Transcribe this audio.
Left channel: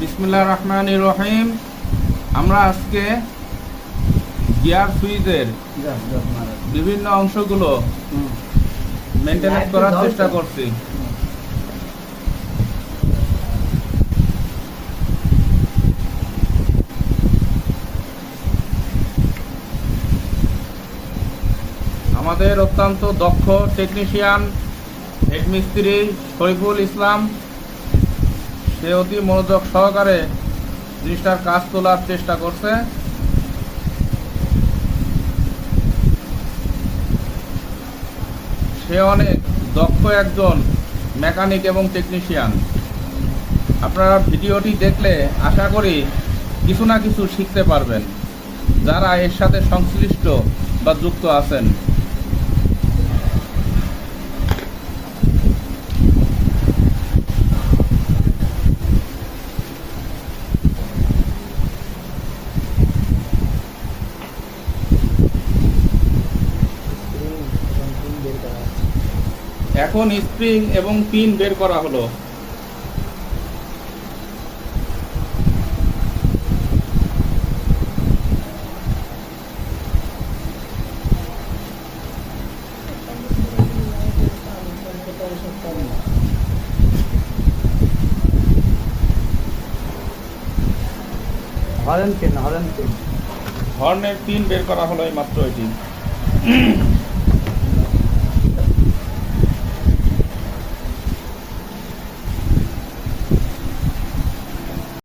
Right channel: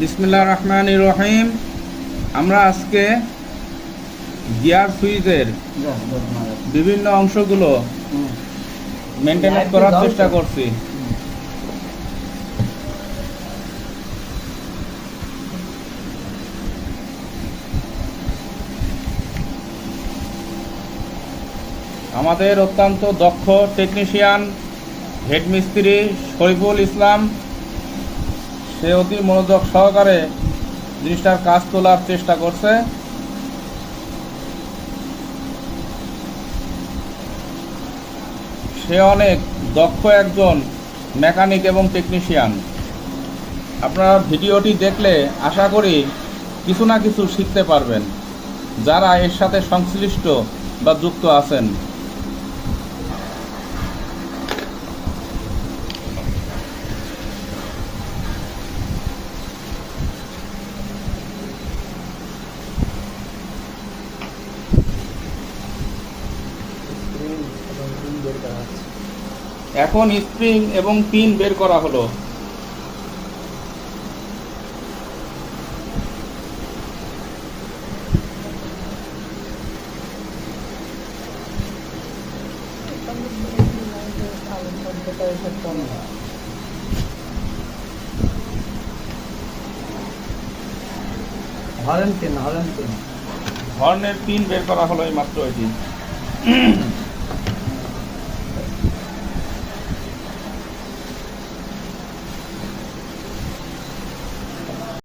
বিসমিল্লাহির রহমানির রহিম। আমরা আজকে গিয়ার সুইচের বিভিন্ন অংশগুলো মেনটেনেন্স করার চেষ্টা করছি। আমাদের অত্যন্ত দক্ষ টেকনিশিয়ান হেড মিস্ত্রি শরীফুল ইসলাম, সে অতি মনোযোগ সহকারে জিনিসটার কাজ তোলার চেষ্টা করছে। সে অনেক দক্ষ একজন মেকানিক এবং টেকনিশিয়ান। আপনারা ভিডিওটি দেখলে আশা করি কিছু না কিছু শিখতে পারবেন, যারা এর সাথে সংশ্লিষ্ট বা যুক্ত আছেন। এখন স্প্রিং এবং পিন বের করা হলো। হর্নের পিন বের করা হলো এই মাত্র এটি।